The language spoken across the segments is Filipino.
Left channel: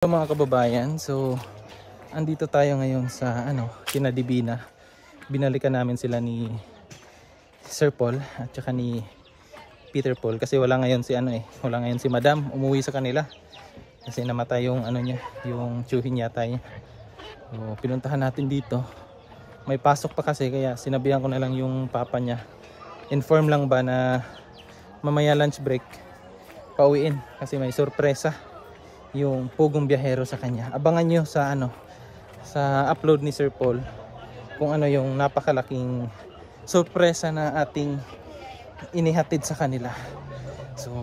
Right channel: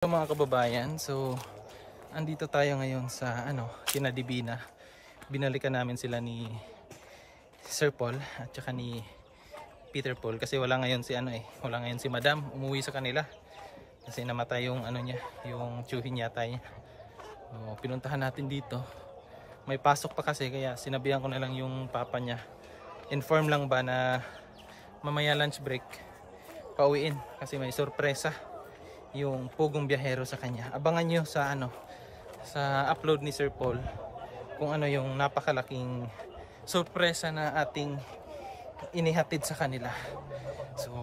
Mga kababayan, so andito tayo ngayon sa kina Divina. Binalikan namin sila ni Sir Paul at saka ni Peter Paul kasi wala ngayon si Madam, umuwi sa kanila kasi namatay yung niya, yung tsuhin yata niya. So pinuntahan natin dito. May pasok pa kasi kaya sinabihan ko na lang yung papa niya. Inform lang ba na mamaya lunch break pauwiin kasi may sorpresa yung pugong biyahero sa kanya. Abangan nyo sa sa upload ni Sir Paul kung ano yung napakalaking sorpresa na ating inihatid sa kanila. So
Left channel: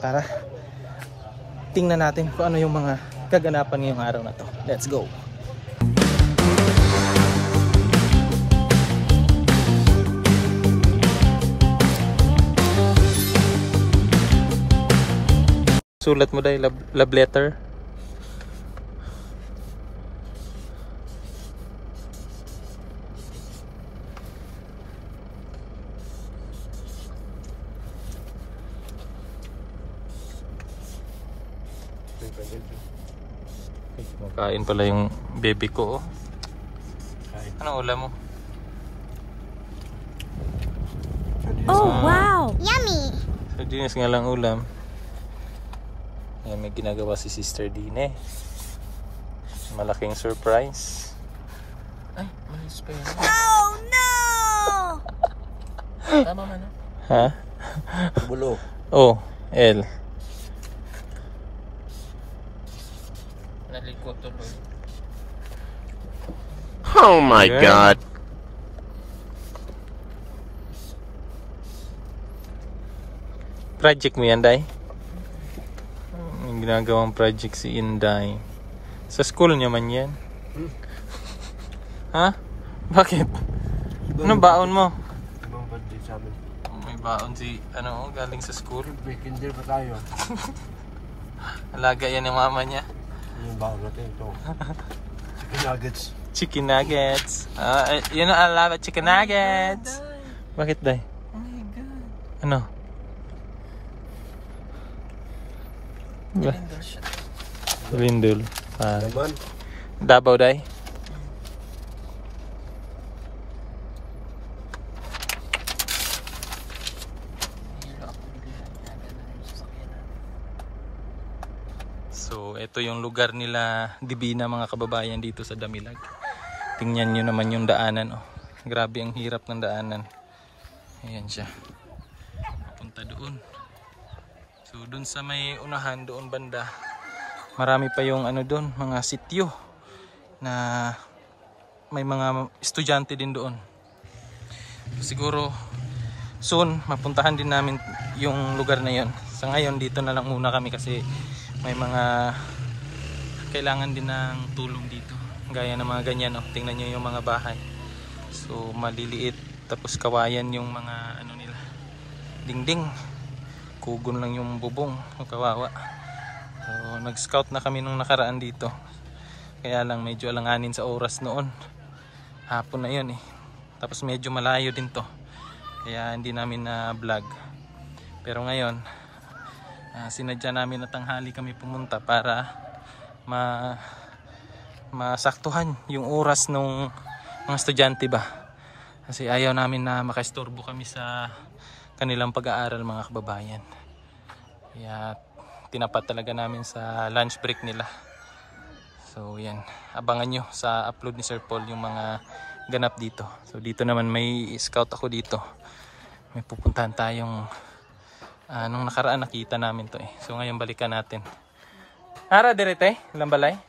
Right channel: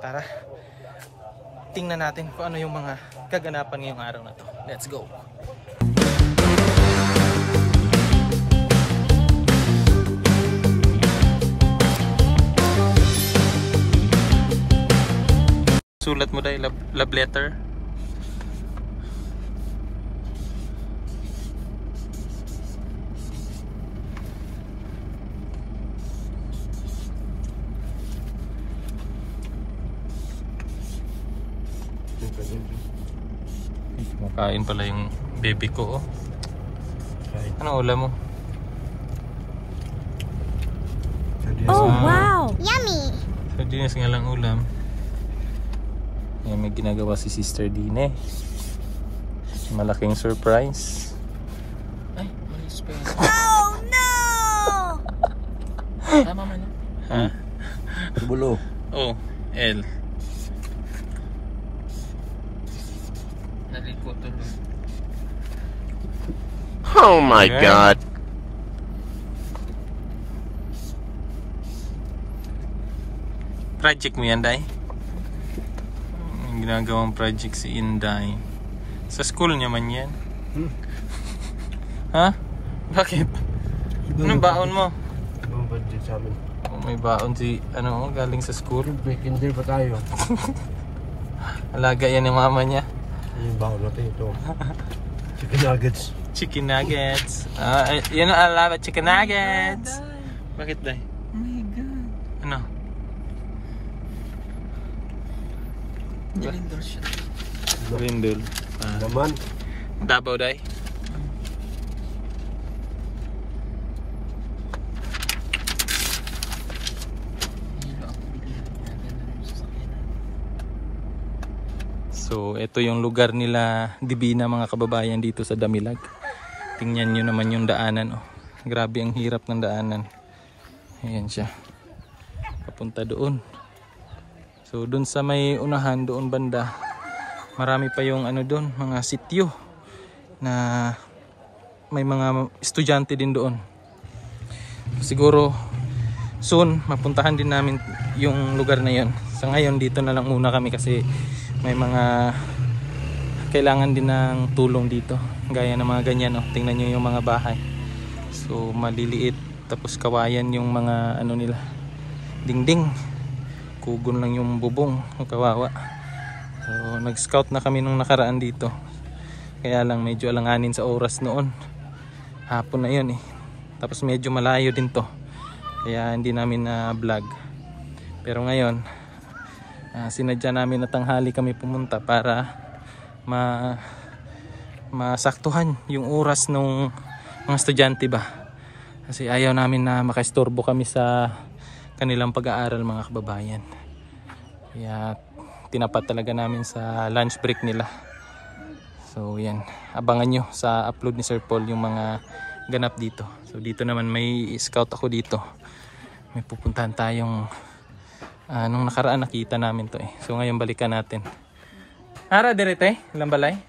tara, tingnan natin kung ano yung mga kaganapan ngayong araw na to. Let's go. Sulat mo dahil love letter. Makain pala yung baby ko, oh. Anong ulam mo? Oh, wow! Yummy! Sardinas nga lang ulam. Ayan, may ginagawa si Sister Dine. Malaking surprise. Ay, oh no! Tama man. Ha? Bulo. Oh, L. Nalikot tuloy. Oh my God. Project mo yan, Day? Ginagawang project si Inday. Sa school niya man yan. Ha? Bakit? Anong baon mo? Ibang budget sa amin. Oh, may baon si galing sa school. Kinder pa tayo. Alaga yan ng mama niya. Yung baon natin ito. Chicken nuggets. Chicken nuggets. Yan ang alaba, chicken nuggets. Bakit, Day? Oh my God. Ano? Nilindol siya. Rindul. Naman. Davao, Day. So, ito yung lugar nila Divina, mga kababayan, dito sa Damilag. Tingnan nyo naman yung daanan, oh. Grabe ang hirap ng daanan. Ayan siya. Papunta doon. So, doon sa may unahan, doon banda, marami pa yung doon, mga sityo na may mga estudyante din doon. Siguro soon mapuntahan din namin yung lugar na yon. Sa ngayon dito na lang muna kami kasi may mga kailangan din ng tulong dito. Gaya ng mga ganyan, oh. Tingnan nyo yung mga bahay. So maliliit, tapos kawayan yung mga nila, dingding. Kugon lang yung bubong, kawawa. So nag-scout na kami nung nakaraan dito. Kaya lang medyo alanganin sa oras noon. Hapon na yun, eh. Tapos medyo malayo din to. Kaya hindi namin na vlog. Pero ngayon, sinadya namin na tanghali kami pumunta para masaktuhan yung oras ng mga estudyante ba. Kasi ayaw namin na makaistorbo kami sa kanilang pag-aaral, mga kababayan. Kaya tinapat talaga namin sa lunch break nila. So yan, abangan nyo sa upload ni Sir Paul yung mga ganap dito. So dito naman may scout ako dito. May pupuntahan tayong nung nakaraan nakita namin to, eh. So ngayon balikan natin. Ara direte, ilang balay?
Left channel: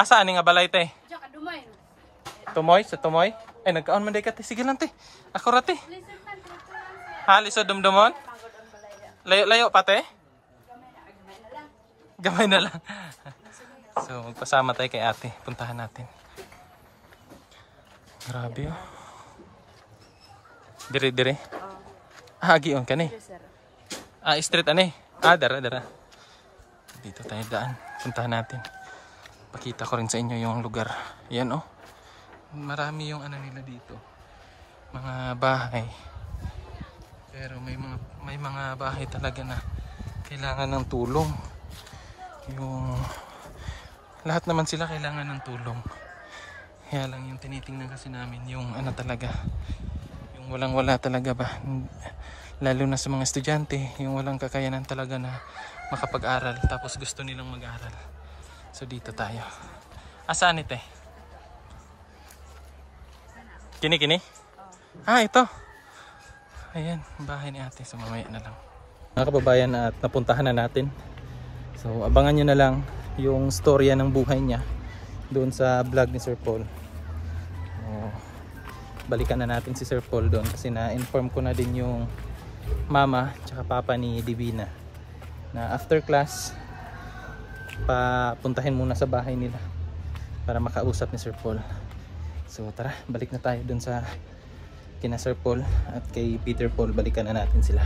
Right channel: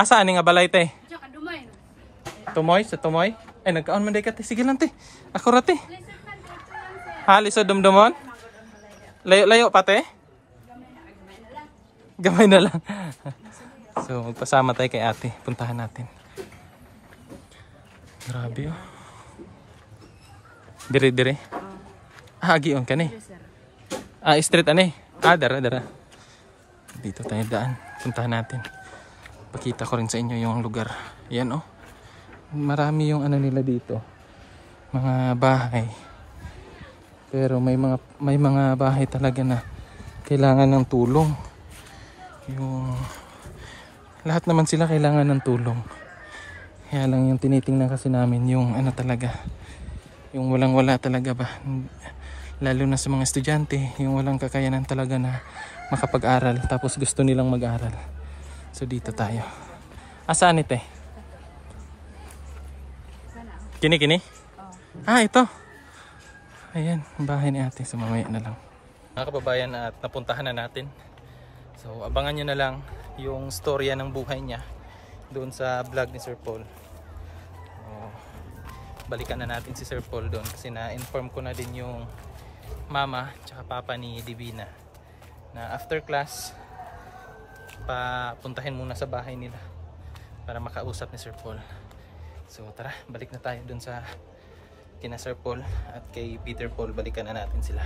Asa ani nga balay, te? Tumoy, sa Tumoy? Ay nagkaon man day ka, te. Sige lang, te. Ako ra, te. Halis sa dumdumon? Layo-layo pa, te? Gamay na lang. So magpasama tayo kay ate. Puntahan natin. Grabe, oh. Dire. Agion ka ni. Street ani. Dara. Dito tayo daan. Puntahan natin. Pakita ko rin sa inyo yung lugar. Yan, oh. Marami yung nila dito. Mga bahay. Pero may mga bahay talaga na kailangan ng tulong. Yung lahat naman sila kailangan ng tulong. Kaya lang yung tinitingnan kasi namin yung ano talaga, yung walang wala talaga ba, lalo na sa mga estudyante, yung walang kakayanan talaga na makapag-aral tapos gusto nilang mag-aral. So dito tayo. Saan ito? Kini? Ah, ito. Ayan, bahay ni ate. So mamaya na lang. Mga kababayan, at napuntahan na natin. So abangan nyo na lang yung storya ng buhay niya doon sa vlog ni Sir Paul. Balikan na natin si Sir Paul doon kasi na-inform ko na din yung mama tsaka papa ni Divina na after class papuntahin muna sa bahay nila para makausap ni Sir Paul. So tara, balik na tayo doon sa kina Sir Paul at kay Peter Paul. Balikan na natin sila.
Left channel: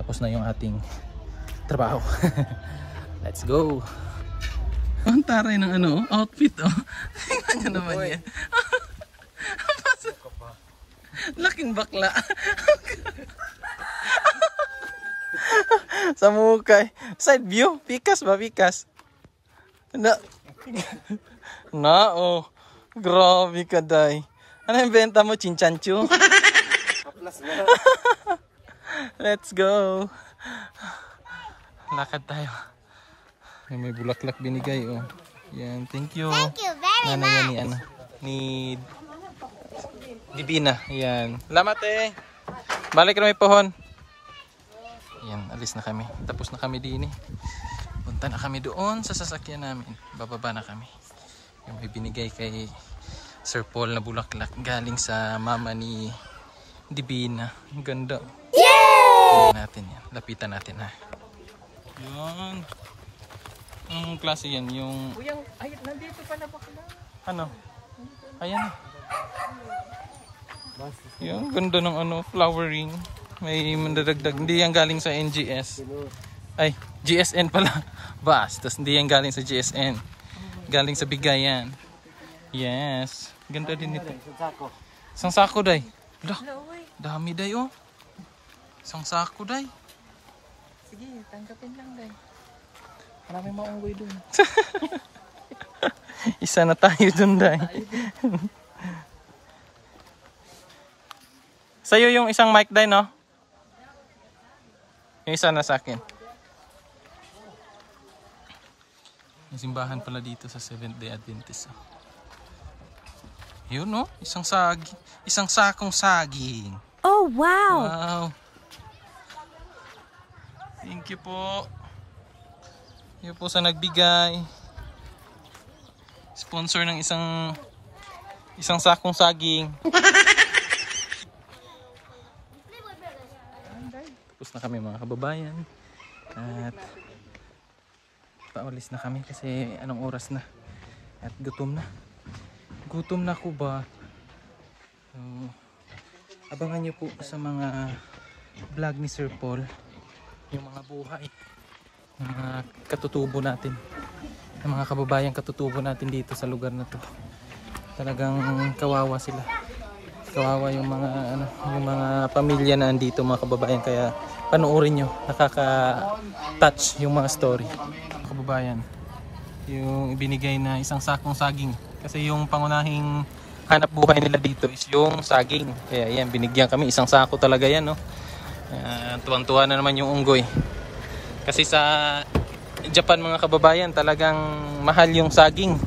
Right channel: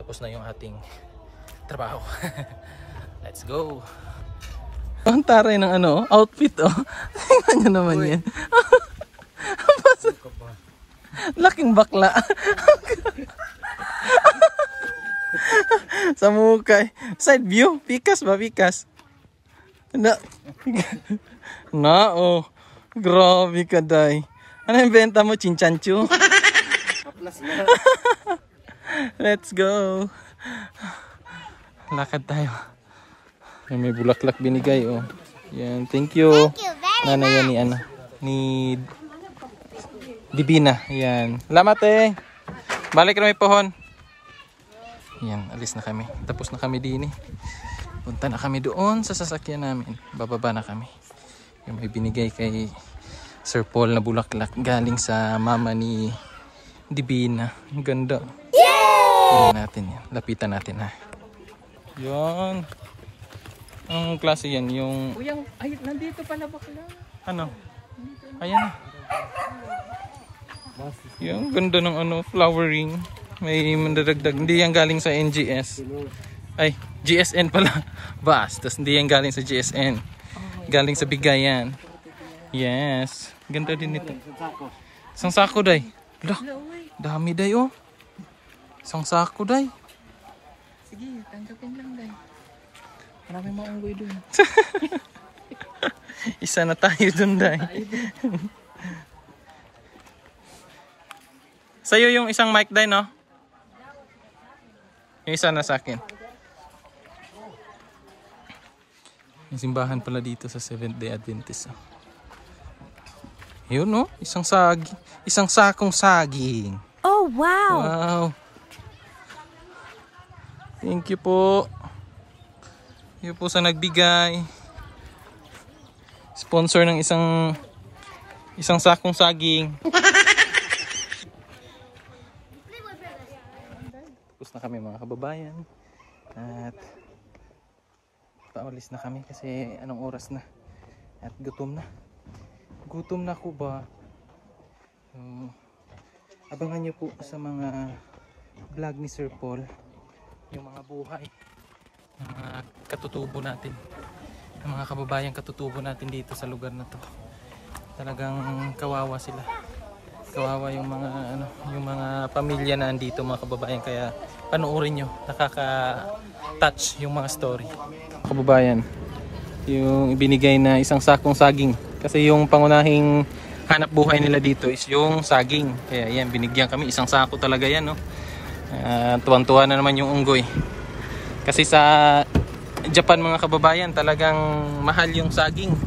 Tapos na yung ating trabaho. Let's go. Ang taray ng ano, outfit oh. Tingnan nyo naman yan. Laking bakla. Sa mukay. Side view. Pikas ba? Pikas. Na oh. Grabe ka day. Ano yung benta mo? Chinchanchu? Let's go. Lakad tayo. May bulaklak binigay oh. Yan, thank you. Thank you very Nanay yan much. ni ano, ni Divina. Yan. Salamat eh. Balik na may pohon. Yan, alis na kami. Tapos na kami din eh. Punta na kami doon sa sasakyan namin. Bababa na kami. Yung may binigay kay Sir Paul na bulaklak galing sa mama ni Divina. Ang ganda. Yay! Natin yan. Lapitan natin ha. Yan. Anong klase yan? Yung... Ay, nandito pala bakla. Ano? Ayan. Yung ganda ng ano, flowering. May mandadagdag. Hindi yan galing sa NGS. Ay, GSN pala. Bas. Tapos hindi yan galing sa GSN. Galing sa bigayan. Yes. Ganda din ito. Isang sako, day. Lah, dami, day, oh. Isang sako, day. Sige, tanggapin lang, day. Maraming maunggoy dun. Isa na tayo dun, day. Sa'yo yung isang mic, day, no? Yung isa na sa akin. Yung simbahan pala dito sa Seventh Day Adventist. Oh. Yun, no? Isang sakong saging. Oh, wow. Wow. Thank you po. Thank you po sa nagbigay. Sponsor ng isang sakong saging. Tapos na kami mga kababayan. At paulis na kami kasi anong oras na. At gutom na. Gutom na ko ba? Abangan nyo po sa mga vlog ni Sir Paul yung mga buhay, mga katutubo natin, yung mga kababayang katutubo natin dito sa lugar na to. Talagang kawawa sila, kawawa yung mga ano, yung mga pamilya na andito mga kababayan, kaya panoorin nyo, nakaka-touch yung mga story. Kababayan, yung ibinigay na isang sakong saging kasi yung pangunahing hanap buhay nila dito is yung saging, kaya yan binigyan kami isang sako talaga yan, no? Tuwan-tuwa na naman yung unggoy kasi sa Japan mga kababayan talagang mahal yung saging,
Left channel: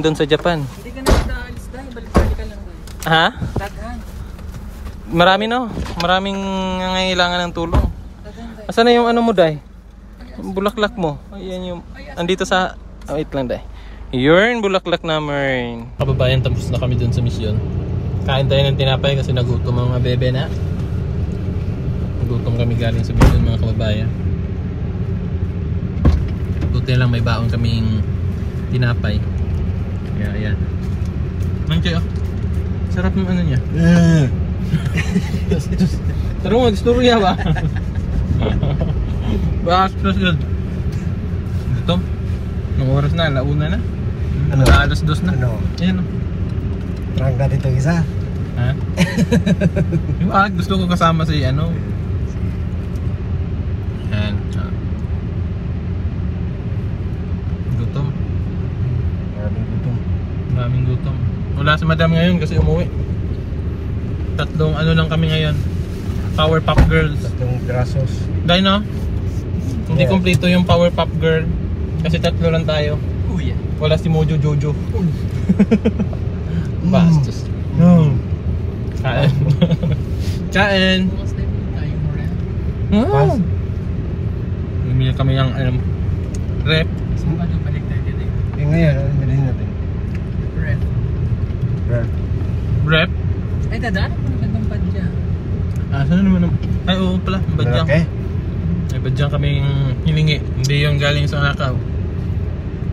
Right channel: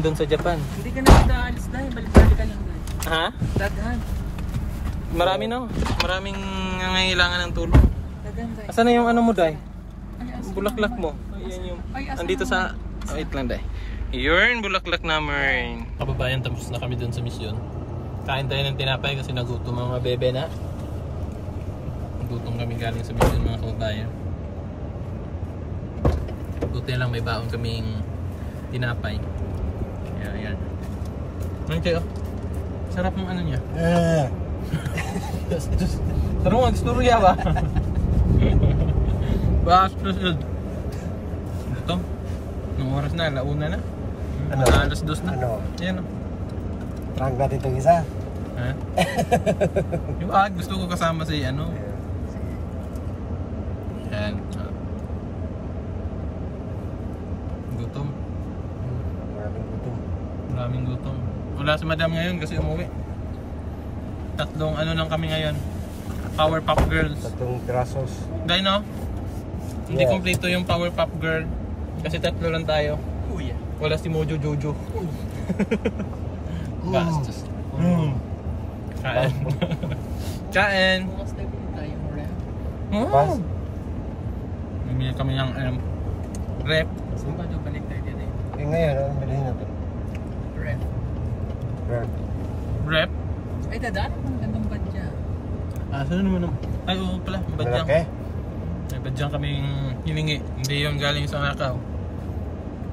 dun sa Japan. Hindi ka na kita alis, day. Balik-balikan lang, day. Ha? Daghan. Marami, no? Maraming nangangailangan ng tulong. Daghan, day. Asan na yung ano mo, day? Bulaklak mo. Ayan yung andito sa wait lang, day. Yun, bulaklak namin. Kababayan, tapos na kami dun sa misyon. Kain tayo ng tinapay kasi nagutom ang mga bebe na. Nagutom kami galing sa misyon mga kababayan. Buti lang may baon kaming tinapay. Kaya ayan. Ang kayo. Sarap ng ano niya. Taro mo, istorya ba? Bastos yun. Ito. Ang oras na, launa na. Ano? Alas 2 na. Ano? Ayan o. Prank natin itong isa. Ha? Yung gusto ko kasama si ano. Ayan. Maraming gutom. Wala si madam ngayon kasi umuwi. Tatlong ano lang kami ngayon. Power Pop Girls. Tatlong pirasos. Dahil no? Hindi Yeah. kumpleto yung Power Pop Girl. Kasi tatlo lang tayo. Uy, Wala si Mojo Jojo. Bastos. Kain. Kain. bukas tayo tayo mo rin. Pas. Bumili kami ng rep. Saan ba ito balik tayo din? Yung ngayon, ano bilhin natin? Red. Brad. Rep? Ay, dadaan mo na gandang badya. Ah, saan naman? Ay, oo pala. Badyang. Malaki? May badyang kaming hiningi. Hindi yung galing sa Nakaw.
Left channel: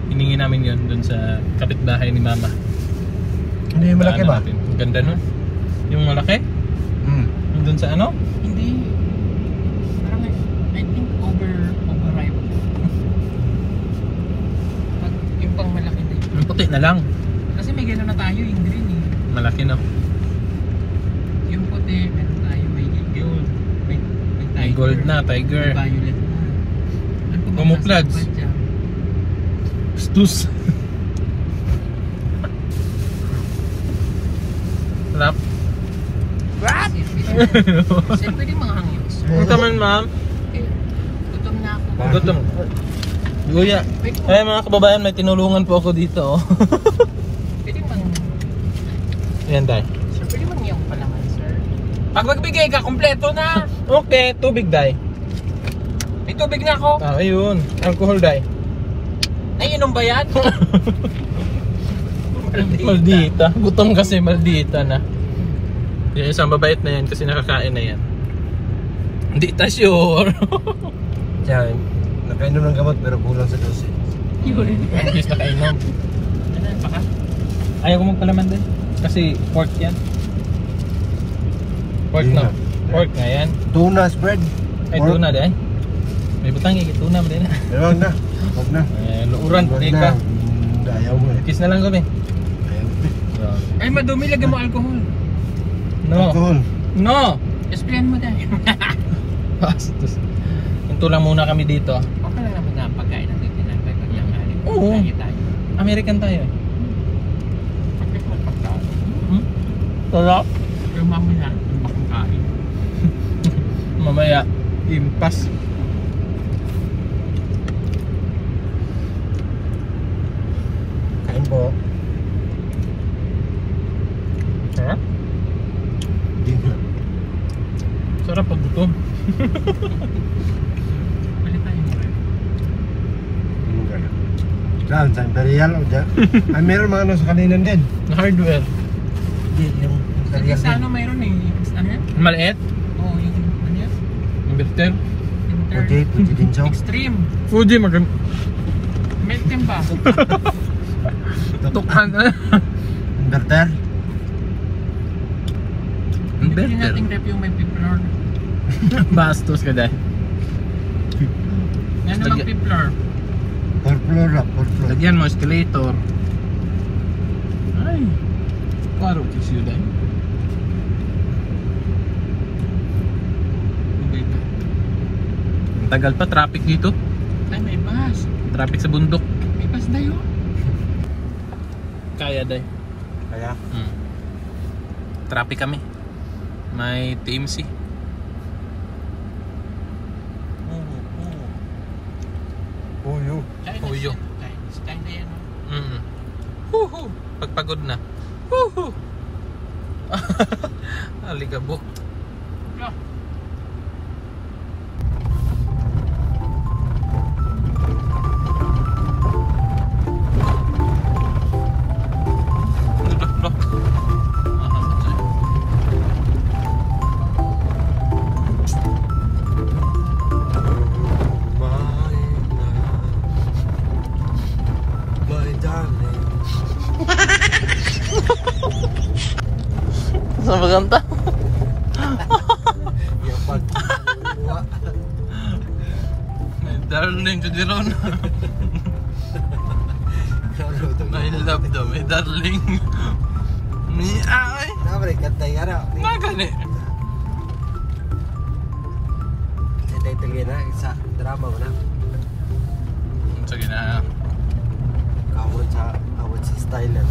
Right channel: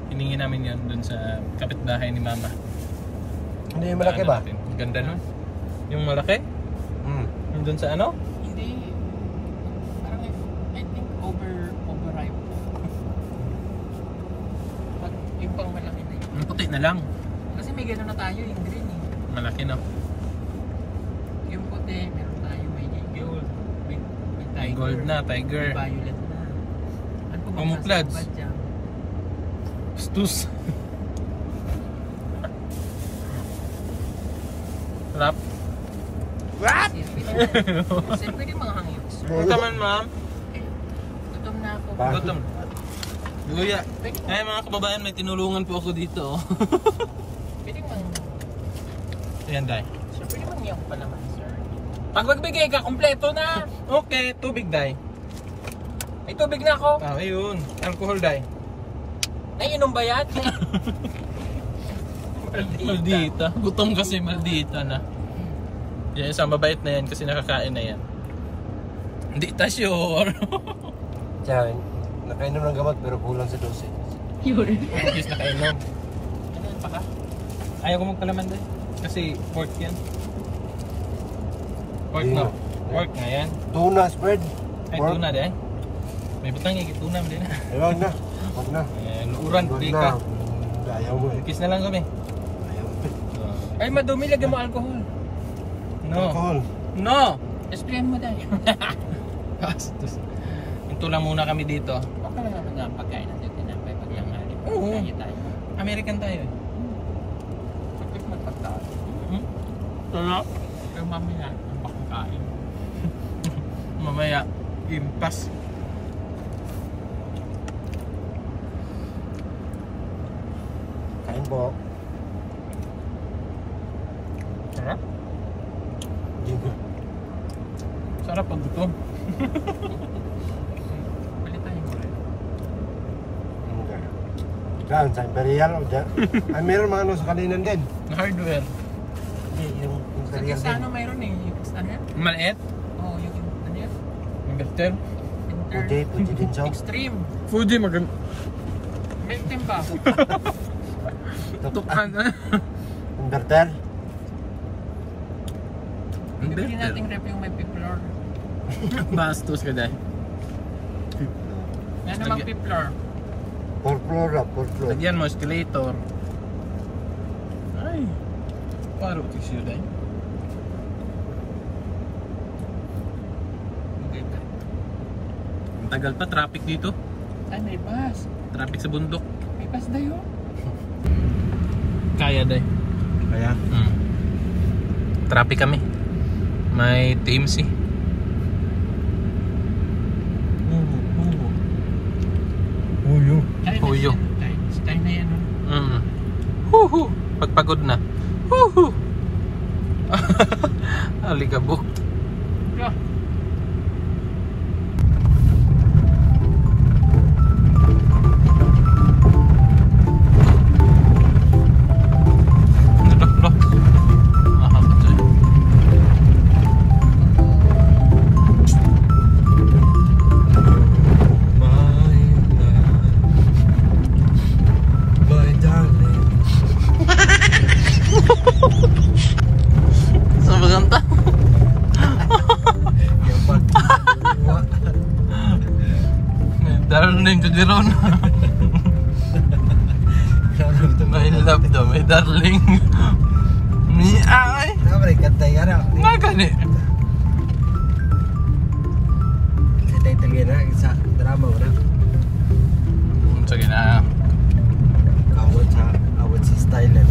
Hiningi namin yun dun sa kapitbahay ni Mama. Hindi yung malaki ba? Natin. Ganda nun. Yung malaki? Yung dun sa ano? Hindi. Parang I think overripe. Pag yung pang malaki na yun. Yung puti na lang. Kasi may gano'n na tayo yung green eh. Malaki no? Yung puti, meron tayo may gold. May tiger. May gold na, tiger. May violet na. Ano pa ba Camouflage. nasa badya? Stus. Sarap. Sir, pwede mga hangyo, sir. Ano naman ma'am? Eh, gutom na ako. Gutom. Luya. Ay mga kababayan, may tinulungan po ako dito. Oh. Pwede mang... Ayan day. Sir, pwede mang yung palaman, sir. Pag magbigay ka, kompleto na! Okay, tubig day. May tubig na ako. Ah, ayun. Alcohol day. Naiinom ba yan? Maldita. Gutom kasi maldita na. Yung isang mabait na yan kasi nakakain na yan. Hindi ta sure. Siya, nakainom ng gamot pero kulang sa dosage. At least nakainom. Ano, baka? Ayaw ko magpalaman din. Kasi pork yan. Pork Hindi no? na. Pork nga yan. Tuna spread. Ay, tuna din. May butang tuna mo din. Huwag na. Huwag na. Luuran, Huwag di na. ka. Ayaw mo eh. Kiss na lang kami. Ayaw. Ay, madumi, lagyan mo alcohol. No. Alcohol. No! Explain mo dahil. Bastos. Ito lang muna kami dito. Okay lang naman nga ang pagkain natin tinapay pag nangyari. Oo. Tayo. American tayo eh. Pagkain mo pagkain. Sarap. Pero mamaya, kung bakong kain. Mamaya, impas. Kain po. Sarap. Hindi na. Sarap pag gutom. Balik tayo mo rin. Hindi ka na. Saan? San Imperial? Diyan. Ay, meron mga ano sa kalinan din. Na hardware. Hindi, yung Sa isa ano mayroon eh. Ano yan? Maliit. Oo, yung ano yan? Inverter. Inter. Puti din siya. Extreme. Fuji magam. Milk tin ba? Tukan. Inverter. Bibili nating rep yung may pipler. Bastos ka dahil. Yan namang pipler. 4 floor up, 4 floor. Lagyan mo escalator. Ay. Klaro tissue dahil. Hindi ba? Ang tagal pa, traffic dito. Ay, may bus. Traffic sa bundok. May bus na yun. Kaya dahil. Kaya? Traffic kami. May TMC. Uyo. Uyo. Sky na yan. Huhu. Pagpagod na. Huhu. Aligabo. My darling. Sa maganda. Yung pagkuha. Darling to the ron. May love daw, may darling. Ni ay. Nabre, katay ka na. Nga gani. Katay-tagay na sa drama ko na. Sige na. Kawat sa style na.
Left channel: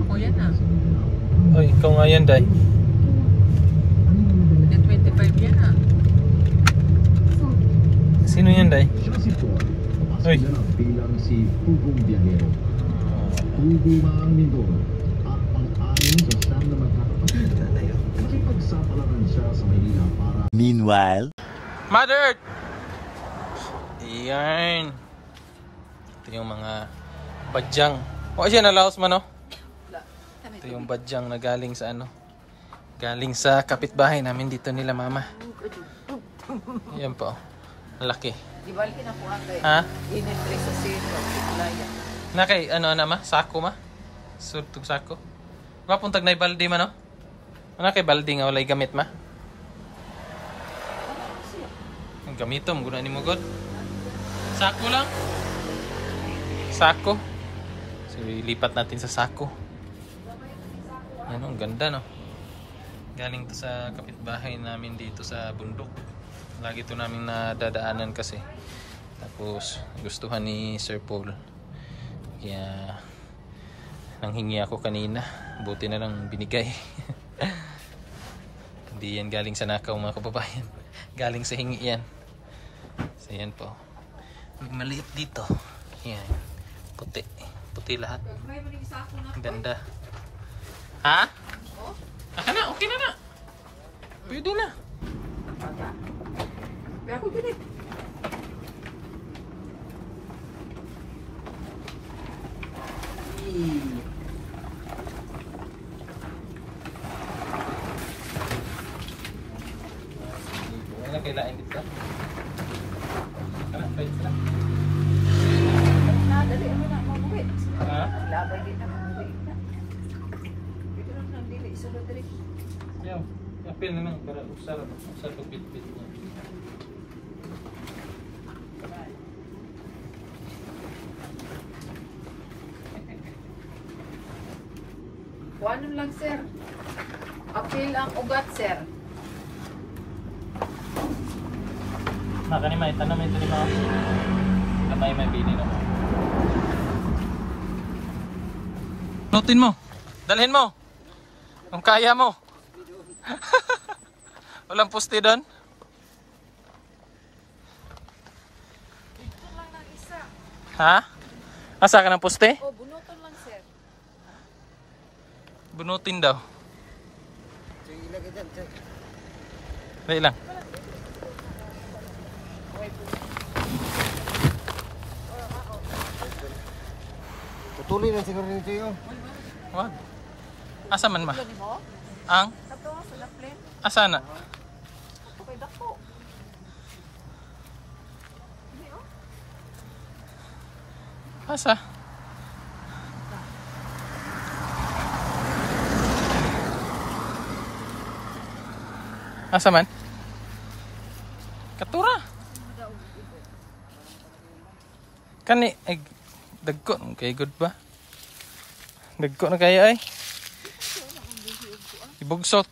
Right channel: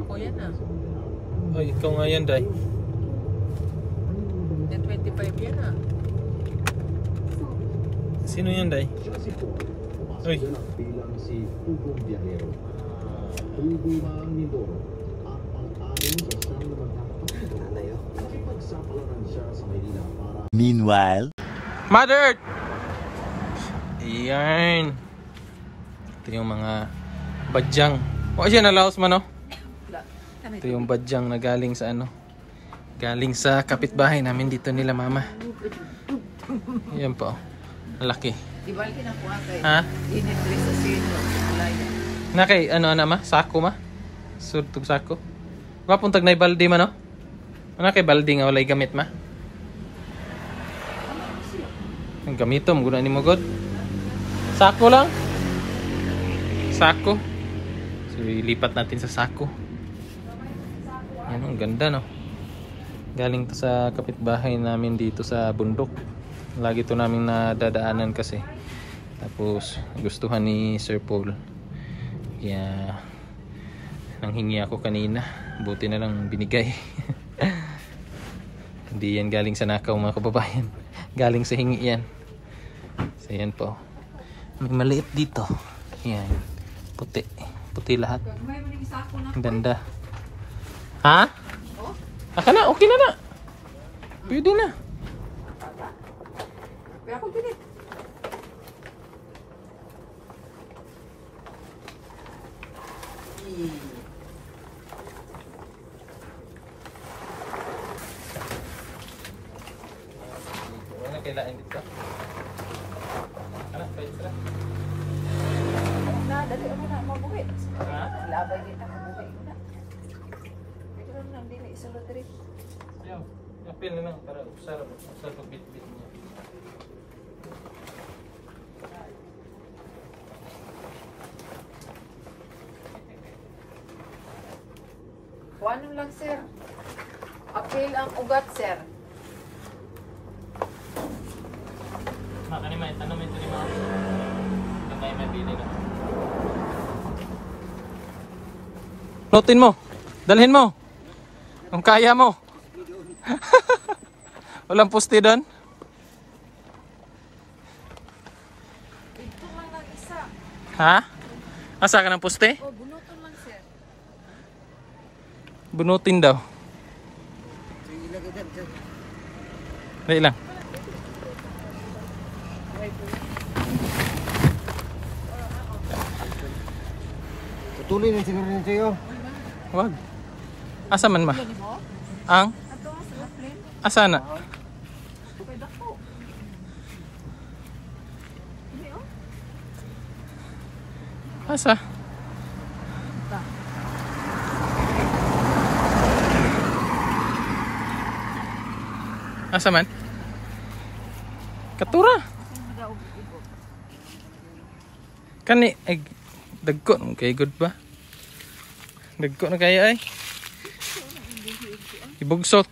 Ako yan ah. Oy, ikaw nga yan, Day. Hanggang 25 yan ah. Sino yan, Day? Oy. bilang si Pugong Bianero. Tugo ang Mindoro at ang anim sa siyam na magkakapatid. Nakipagsapalaran siya sa Maynila para Meanwhile, Mother Earth! Ayan. Ito yung mga badyang. O, siya nalaos man, no? Ito yung badyang na galing sa ano? Galing sa kapitbahay namin dito nila, mama. Ayan po. Laki. Ha? Nakay, ano ma? Sako ma? Surtog sako. Mapuntag na baldi ma, no? Ano kay baldi nga walay gamit ma? Ang gamitom, guna ni mo god. Sako lang. Sako. So, ilipat natin sa sako. Yan, ang ganda, no? Galing to sa kapitbahay namin dito sa bundok. Lagi to namin nadadaanan kasi. Tapos gustuhan ni Sir Paul. Kaya nanghingi ako kanina. Buti na lang binigay. Hindi yan galing sa nakaw mga kababayan. Galing sa hingi yan. So yan po. May maliit dito. Yan. Puti. Puti lahat. Ang ganda. Ha? Aka na, okay na na. Pwede na. Pero ako pinit. Wala kailangan dito. Ano, pwede sila. Dali, ano na, mabuhi. Ha? Labay din na mabuhi na. Pero nang dili sa Madrid. Yaw, apil na lang para usar pagbitbit niya. Kuhanon lang, sir. Apil ang ugat, sir. Makanimay, tanong ito ni Mao. Kamay may bili na. Notin mo. Dalhin mo. Kung kaya mo. Walang poste doon? Ito lang lang isa. Ha? Asa ka ng poste? Oh, bunuton lang, sir. Bunutin daw. Dali lang. Tutuloy na siguro nito yun. Wag. Asa man ma? Ang? Asa na? Asa? Asa man? Katura. Kani ay dagko kay good ba? Dagko na kaya ay. Ibugsok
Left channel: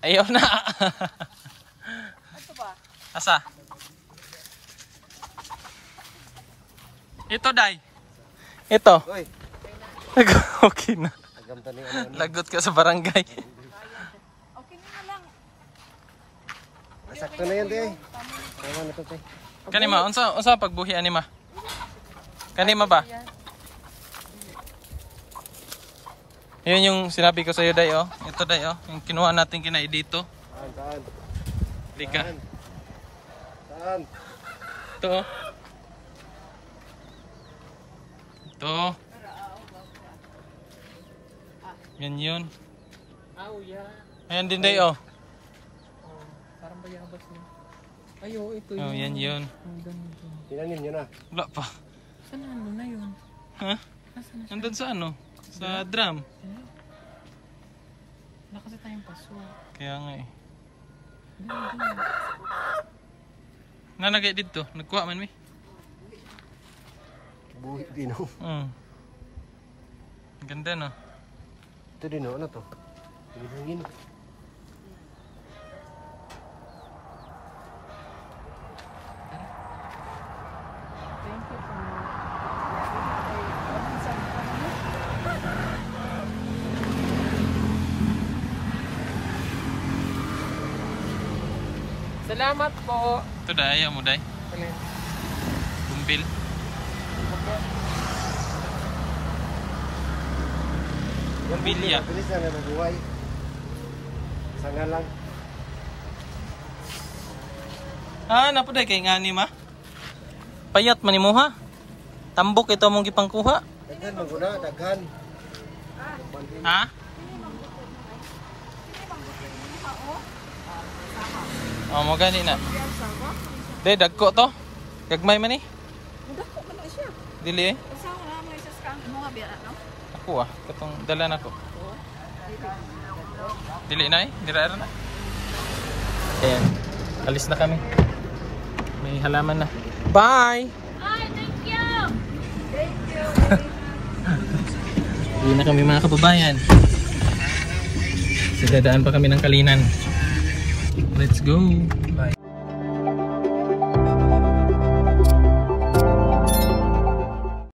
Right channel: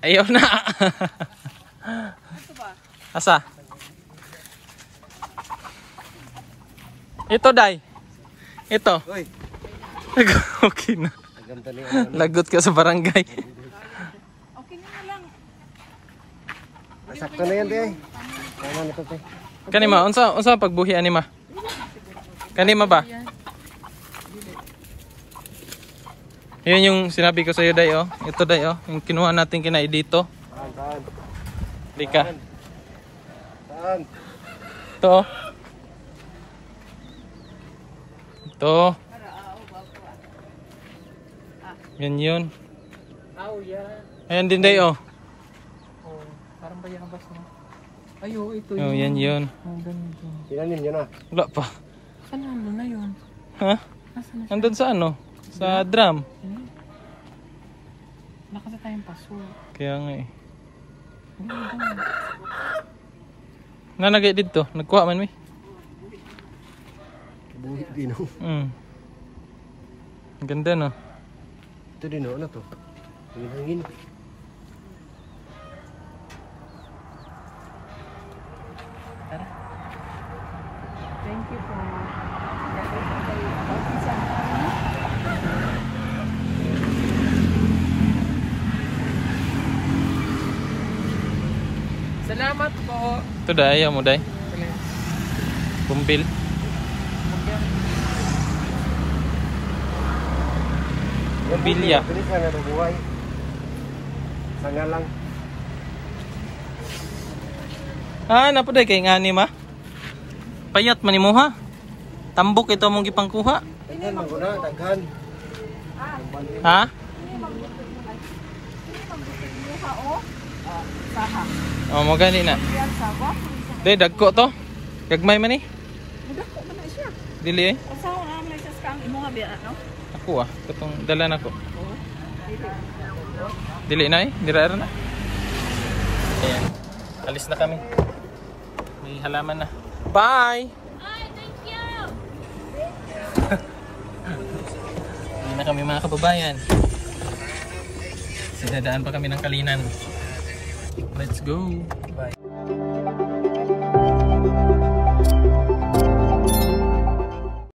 ayaw na. Asa? Ito day. Ito. Uy, Okay na. agam tali. Lagot ka sa barangay. Okay na lang. Sakto na yan, di ay. Ano nito to? Kanima, unsa pagbuhi anima? Kanima ba? Yun yung sinabi ko sa iyo day oh. Ito day oh, yung kinuha natin kina dito. Saan? Lika. Saan? Ito oh. Ito. Yan yun. Oh, yeah. Ayan din day oh. Oh, parang bayabas na. Ayo, ito Oh, yan yun. Oh, ganito. Tinanim nyo na. Wala pa. Kanano na yun? Ha? Nasaan na siya? Nandun sa ano? Sa drum. Wala kasi tayong paso. Kaya nga eh. Ganda. Nanagay dito. Nagkuha man mi. Buhit din o. Ang ganda no. Ito din o. Ano to? Hangin-hangin. Thank Thank you po. Salamat po. Ito day, ayaw mo day. Kumpil. Kumbilya. Bilisan na ng buhay. Sana lang. Ah, napo day kay ngani ma. Payat man imo ha. Tambok ito mong gipangkuha. Tingnan mo na, daghan. Ha? Oh, mo gani na. Day dagko to. Gagmay man ni. Dili eh. Kasama na naman siya sa kang imo nga biya no? Ako katong dala nako. Dili na eh, dira na. Ayan. Alis na kami. May halaman na. Bye. Uwi na kami mga kababayan. Dadaan pa kami ng Kalinan. Let's go. Bye.